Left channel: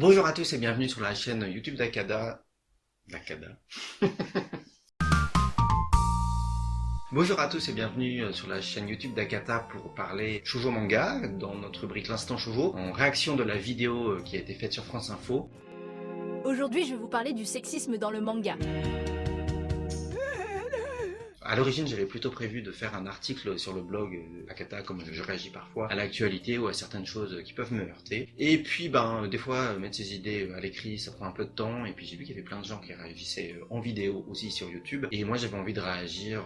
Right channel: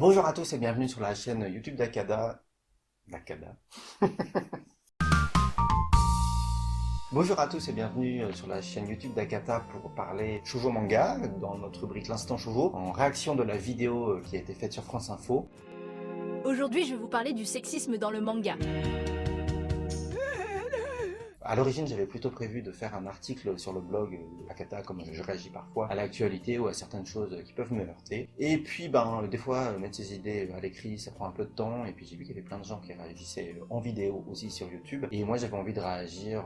Bonjour à tous et bienvenue sur la chaîne YouTube d'Akada. D'Akada. Bonjour à tous et bienvenue sur la chaîne YouTube d'Akata pour parler shoujo manga dans notre rubrique L'Instant Shoujo en réaction de la vidéo qui a été faite sur France Info. Aujourd'hui, je vais vous parler du sexisme dans le manga. À l'origine, j'avais plutôt prévu de faire un article sur le blog Akata, comme je réagis parfois à l'actualité ou à certaines choses qui peuvent me heurter. Et puis, des fois, mettre ses idées à l'écrit, ça prend un peu de temps. Et puis, j'ai vu qu'il y avait plein de gens qui réagissaient en vidéo aussi sur YouTube. Et moi, j'avais envie de réagir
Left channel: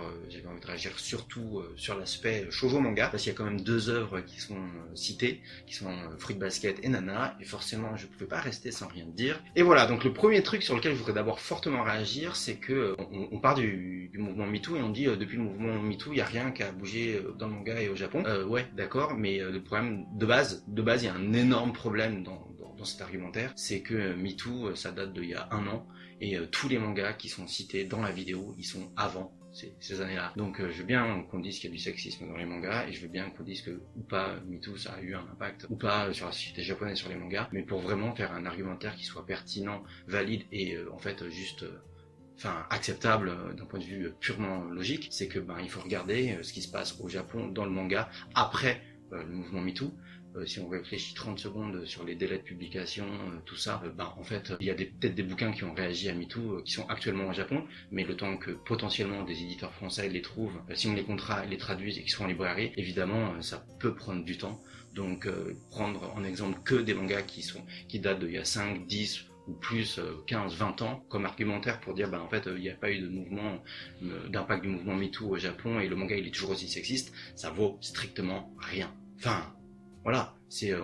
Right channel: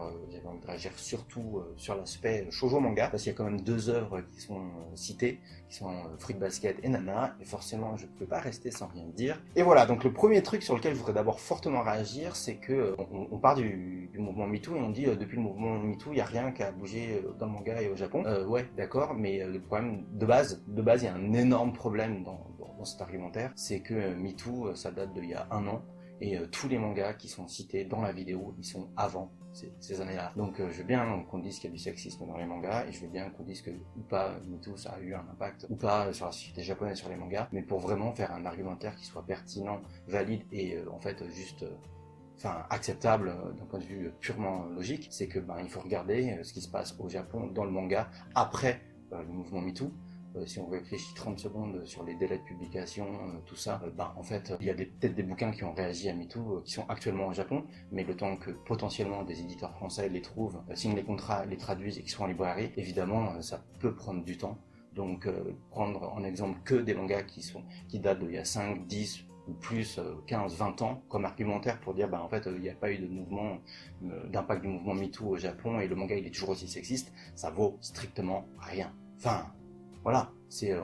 surtout sur l'aspect shoujo manga, parce qu'il y a quand même deux œuvres qui sont citées, qui sont Fruit Basket et Nana. Et forcément, je ne pouvais pas rester sans rien dire. Et voilà, donc le premier truc sur lequel je voudrais d'abord fortement réagir, c'est que on part du mouvement MeToo et on dit depuis le mouvement MeToo, il n'y a rien qu'à bouger dans le manga et au Japon. Ouais, d'accord, mais le problème de base, il y a un énorme problème dans cet argumentaire, c'est que MeToo, ça date d'il y a un an, et tous les mangas qui sont cités dans la vidéo, ils sont avant ces années-là. Donc je veux bien qu'on dise qu'il y a du sexisme dans les mangas, et je veux bien qu'on dise que, ou pas, MeToo, ça a eu un impact, ou pas, sur la société japonaise, sur les mangas, mais pour vraiment faire un argumentaire qui soit pertinent, valide, et en fait juste... acceptable d'un point de vue purement logique, c'est que il faut regarder ce qui se passe au Japon dans le manga après le mouvement MeToo. Si on réfléchit 30 secondes sur les délais de publication, tout ça, en fait, il y a peut-être des bouquins qui ont réagi à MeToo qui sont actuellement au Japon, mais le temps que potentiellement des éditeurs français les trouvent, signent les contrats, les traduisent et qu'ils soient en librairie, évidemment, ça peut prendre du temps. Donc, prendre en exemple que des mangas qui datent d'il y a 5, 10 ou plus 15, 20 ans comme argumentaire pour dire en fait il n'y a pas eu de mouvement d'impact du mouvement MeToo au Japon et le manga il est toujours aussi sexiste, ça vaut strictement rien. Enfin, voilà,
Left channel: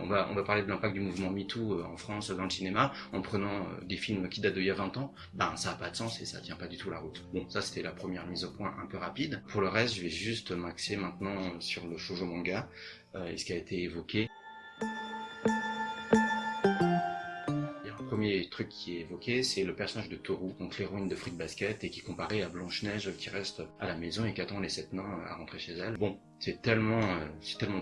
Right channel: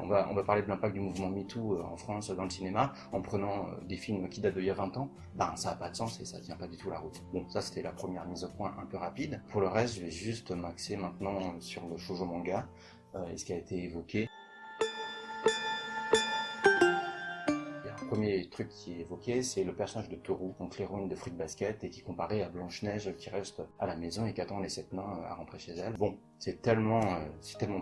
on va parler de l'impact du mouvement MeToo en France dans le cinéma en prenant des films qui datent d'il y a 20 ans, ça n'a pas de sens et ça tient pas du tout la route. Bon, ça c'était la première mise au point un peu rapide. Pour le reste, je vais juste m'axer maintenant sur le shoujo manga et ce qui a été évoqué. Premier truc qui est évoqué, c'est le personnage de Toru, donc l'héroïne de Fruit Basket, et qui est comparée à Blanche-Neige qui reste à la maison et qui attend les 7 nains à rentrer chez elle. Bon, c'est tellement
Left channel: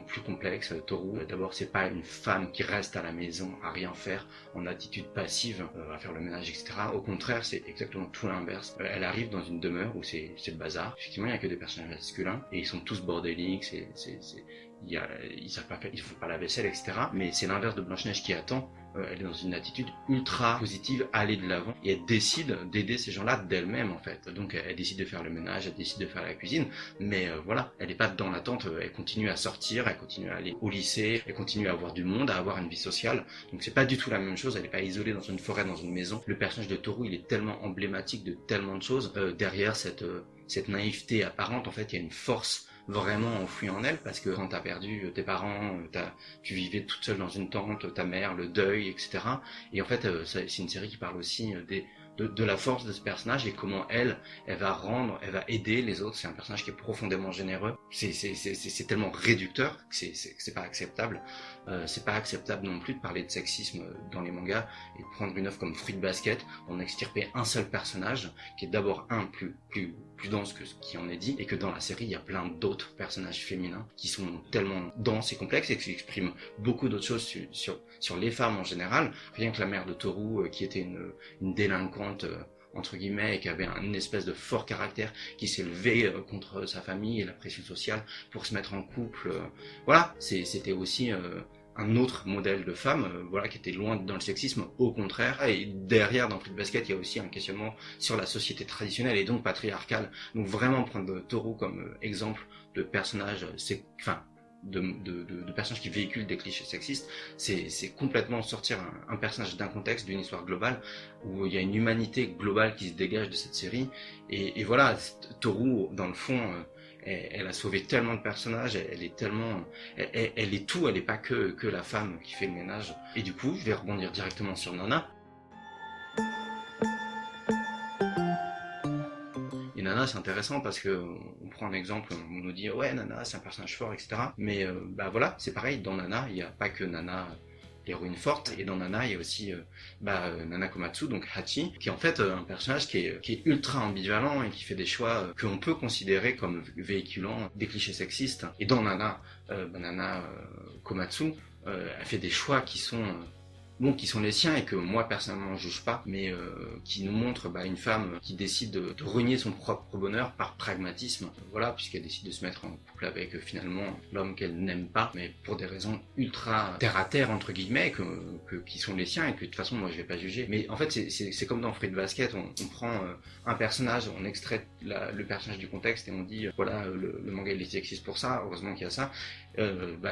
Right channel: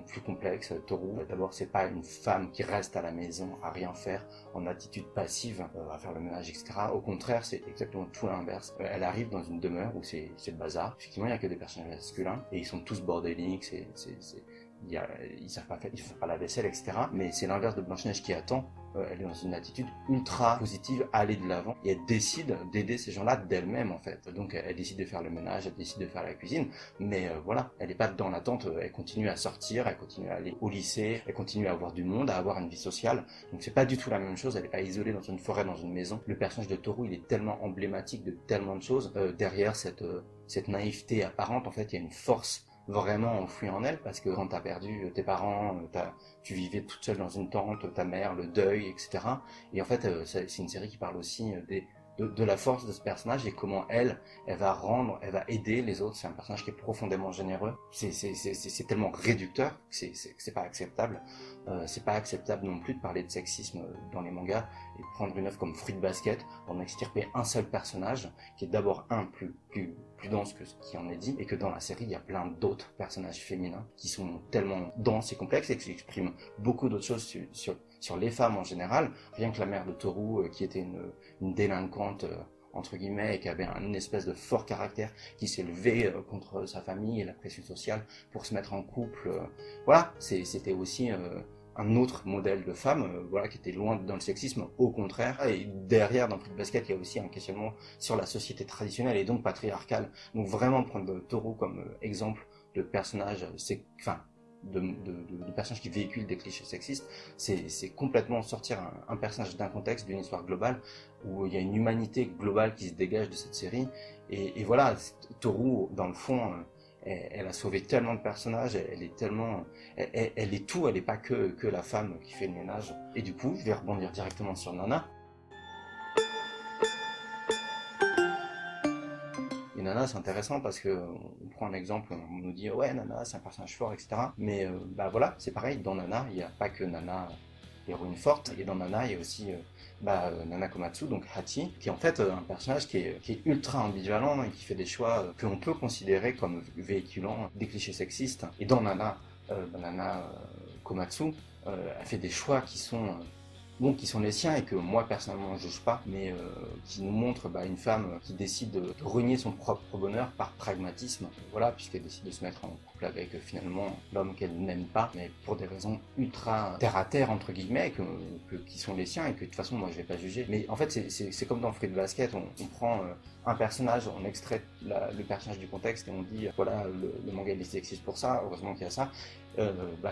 plus complexe, Toru. D'abord, c'est pas une femme qui reste à la maison à rien faire, en attitude passive, à faire le ménage, etc. Au contraire, c'est exactement tout l'inverse. Elle arrive dans une demeure où c'est le bazar. Effectivement, il n'y a que des personnages masculins, et ils sont tous bordéliques, ils savent pas faire, ils font pas la vaisselle, etc. Mais c'est l'inverse de Blanche-Neige qui attend. Elle est dans une attitude ultra positive, aller de l'avant, et elle décide d'aider ces gens-là d'elle-même en fait. Donc elle décide de faire le ménage, elle décide de faire la cuisine, mais voilà, elle n'est pas dans l'attente, elle continue à sortir, elle continue à aller au lycée, elle continue à avoir du monde, à avoir une vie sociale. Donc c'est pas du tout la même chose, elle n'est pas isolée dans une forêt, dans une maison. Le personnage de Toru, il est tellement emblématique de tellement de choses. Derrière cette naïveté apparente, en fait, il y a une force vraiment enfouie en elle, parce que quand t'as perdu tes parents, tu vivais toute seule dans une tente, ta mère, le deuil, etc. Et en fait, c'est une série qui parle aussi de la force de ce personnage et comment elle va aider les autres. C'est un personnage qui est profondément généreux. C'est tellement réducteur que c'est pas acceptable. C'est pas acceptable non plus de parler de sexisme dans les mangas et de prendre une œuvre comme Fruit Basket pour en extirper un seul personnage qui est d'abord plus dense que ce qui en est dit, et que dans la série il y a plein d'autres personnages féminins qui sont tellement denses et complexes et qui expriment beaucoup d'autres choses sur les femmes en général. Rien que la mère de Toru qui était une délinquante entre guillemets, et qui avait une espèce de fort caractère, qui s'est levé contre sa famille et la pression sociale pour se mettre en couple. Voilà, c'était aussi un autre modèle de femme, qui était loin dans le sexisme, au contraire. Et derrière, dans Fruit Basket, il y a aussi un questionnement sur la société traditionnelle et donc patriarcale. Donc vraiment prendre Toru comme exemple de personnage, de personnages qui véhiculent des clichés sexistes, c'est complètement sortir un personnage d'un contexte, d'une histoire globale, où il y a une humanité globale qui se dégage de cette série. Et voilà, Toru, dans le fond, elle a sauvé tellement de personnages, elle est tellement... Elle est tout, elle n'est pas que la femme qui fait le ménage. Et du coup, je vais rebondir directement sur Nana. Et Nana, c'est intéressant parce que on prend un exemple, on nous dit ouais, Nana, c'est un personnage fort, etc. Mais voilà, c'est pareil, dans Nana, il n'y a pas que Nana, l'héroïne forte, et dans Nana, il y a aussi Nana Komatsu, donc Hachi, qui est en fait un personnage qui est ultra ambivalent et qui fait des choix qu'on peut considérer comme véhiculant des clichés sexistes. Et dans Nana, Nana Komatsu, elle fait des choix qui sont bon, qui sont les siens et que moi personnellement je juge pas, mais qui nous montrent une femme qui décide de renier son propre bonheur par pragmatisme, voilà, puisqu'elle décide de se mettre en couple avec finalement l'homme qu'elle n'aime pas, mais pour des raisons ultra terre à terre entre guillemets, qui sont les siens et que de toute façon moi je vais pas juger. Mais en fait c'est comme dans Fruit Basket, on prend un personnage, on extrait le personnage du contexte et on dit voilà le manga il est sexiste pour ça, heureusement qu'il y a ça.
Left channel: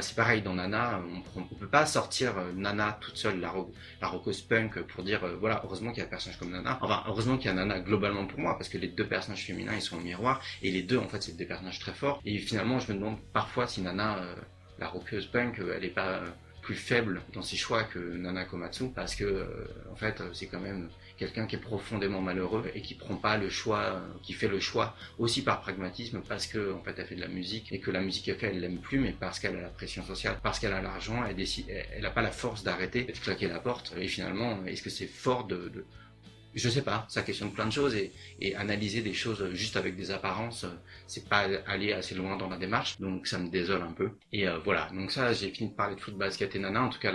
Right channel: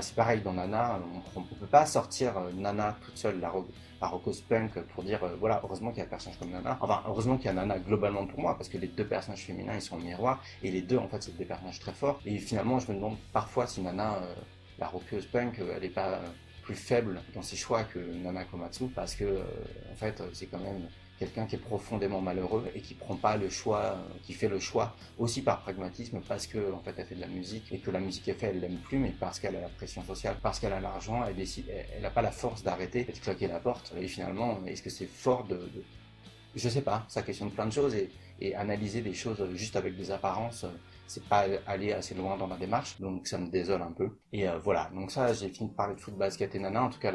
C'est pareil dans Nana, on peut pas sortir Nana toute seule, la rockeuse punk pour dire voilà, heureusement qu'il y a un personnage comme Nana, enfin heureusement qu'il y a Nana globalement pour moi, parce que les deux personnages féminins ils sont au miroir, et les deux en fait c'est des personnages très forts, et finalement je me demande parfois si Nana, la rockeuse punk, elle est pas plus faible dans ses choix que Nana Komatsu, parce que en fait c'est quand même quelqu'un qui est profondément malheureux et qui prend pas le choix, qui fait le choix aussi par pragmatisme parce que en fait elle fait de la musique et que la musique qu'elle fait elle l'aime plus, mais parce qu'elle a la pression sociale, parce qu'elle a l'argent, elle a pas la force d'arrêter de claquer la porte. Et finalement, est-ce que c'est fort je sais pas, ça questionne plein de choses et analyser des choses juste avec des apparences, c'est pas aller assez loin dans la démarche, donc ça me désole un peu. Et voilà, donc ça j'ai fini de parler de Fruit Basket et Nana, en tout cas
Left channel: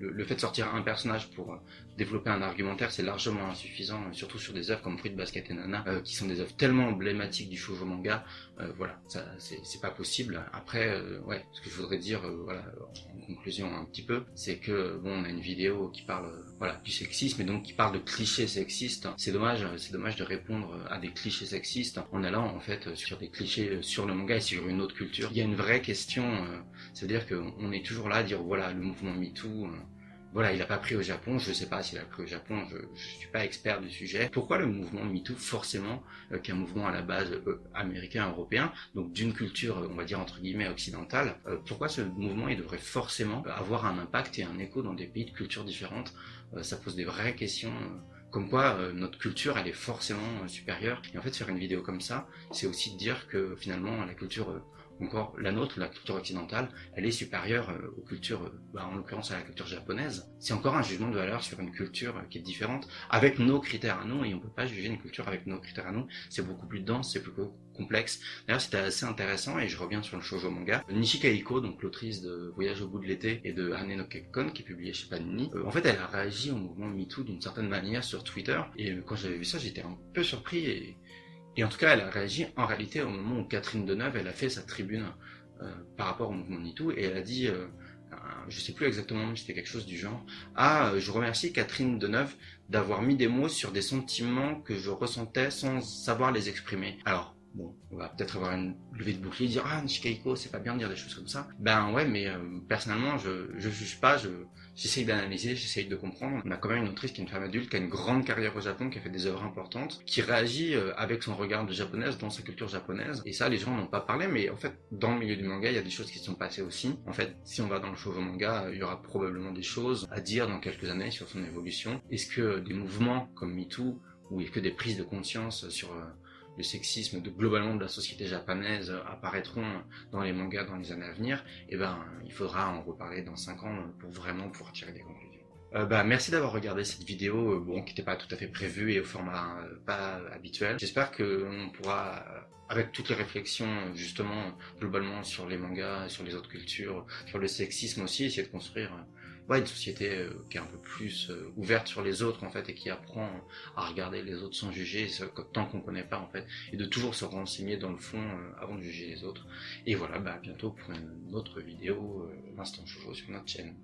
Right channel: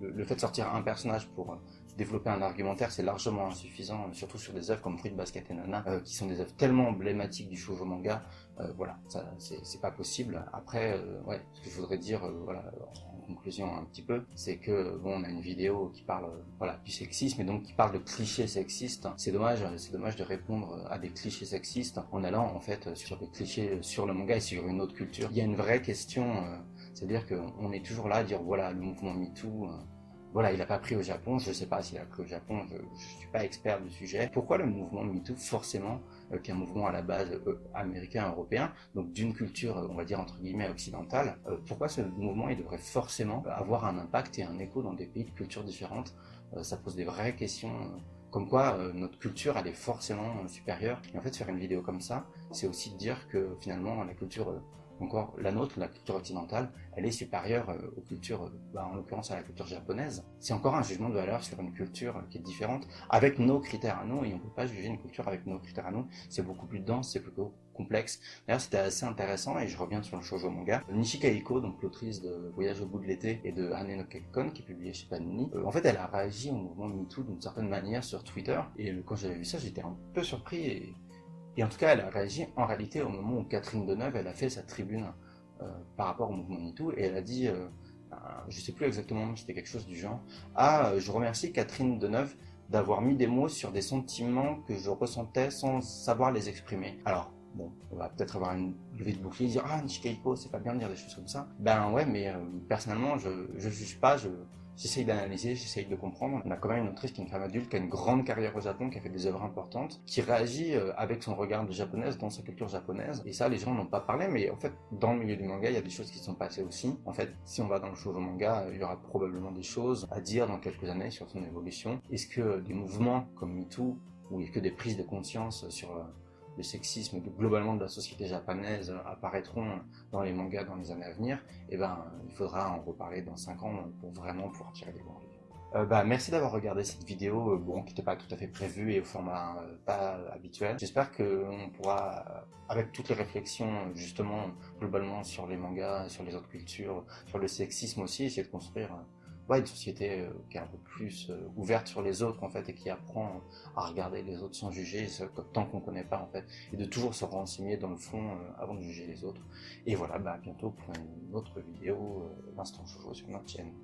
le fait de sortir un personnage pour développer un argumentaire c'est largement insuffisant, surtout sur des œuvres comme Fruit Basket et Nana, qui sont des œuvres tellement emblématiques du shoujo manga, voilà, ça c'est pas possible. Après, ouais, ce que je voudrais dire, voilà, en conclusion un petit peu, c'est que bon, on a une vidéo qui parle voilà, du sexisme et donc qui parle de clichés sexistes. C'est dommage de répondre à des clichés sexistes en allant en fait sur des clichés sur le manga et sur une autre culture. Il y a une vraie question, c'est-à-dire qu'on est toujours là à dire voilà, le mouvement MeToo, voilà, il n'a pas pris au Japon, je ne sais pas s'il a pris au Japon, je ne suis pas expert du sujet. Pourquoi le mouvement MeToo, forcément, qu'un mouvement à la base américain, européen, donc d'une culture, on va dire entre guillemets occidentale, pourquoi ce mouvement il devrait forcément avoir un impact et un écho dans des pays de cultures différentes? Ça pose des vraies questions. Comme quoi notre culture elle est forcément supérieure. Et en fait faire une vidéo comme ça, c'est aussi de dire que finalement la culture encore la nôtre, la culture occidentale, elle est supérieure aux cultures, en l'occurrence à la culture japonaise. C'est encore un jugement de valeur sur une culture qui est différente, avec nos critères à nous, et on ne peut pas juger une culture avec nos critères à nous. C'est beaucoup plus dense, c'est plus complexe. D'ailleurs, c'était assez intéressant, et je reviens sur le shoujo manga. Nishikaiko, donc l'autrice de Voyage au bout de l'été et de Hane no Kekkon, qui est publié chez Panini, en fait, elle a réagi au mouvement MeToo d'une certaine manière sur Twitter, et quand j'avais vu ça, j'étais un peu surpris, et en tout cas, elle a réagi en réalité au moment où Catherine Deneuve, elle a fait sa tribune par rapport au mouvement MeToo, et elle a dit, je sais plus exactement, mais c'était quelque chose du genre, je remercie Catherine Deneuve d'avoir mis des mots sur des sentiments que je ressentais sans savoir les exprimer. Alors, bon, on va peut-être avoir une levée de bouclier, dire Nishikaiko, c'est pas bien de dire des choses comme ça. Ben ouais, mais personnellement, je juge pas, j'essaye d'analyser, j'essaye de comprendre. On a quand même une autrice qui est une femme adulte, qui a une grande carrière au Japon, qui a fait des œuvres importantes, qui réagit avec son regard de japonaise dans sa culture japonaise. Et ça, les gens n'ont pas parlé, mais en fait, dans le milieu du manga, il y a des choses qui se sont passées aussi. En fait, si on va dans le shoujo manga, il y aura probablement des choses à dire dans quelques années sur son évolution. Est-ce que des mouvements comme MeToo, ou est-ce que des prises de conscience sur le sexisme globalement de la société japonaise apparaîtront dans les mangas dans les années à venir, et il faudra en reparler dans 5 ans pour vraiment pouvoir tirer des conclusions. Merci d'avoir regardé cette vidéo, qui n'était pas tout à fait prévue et au format pas habituel. J'espère qu'on pourra, avec toutes les réflexions justement globalement sur les mangas, sur les autres cultures, sur le sexisme aussi, essayer de construire une société qui est un peu plus ouverte sur les autres en fait, et qui apprend à regarder les autres sans juger tant qu'on connaît pas en fait, et de toujours se renseigner dans le fond avant de juger les autres. Et voilà, à bientôt pour une autre vidéo, l'instant shoujo sur notre chaîne.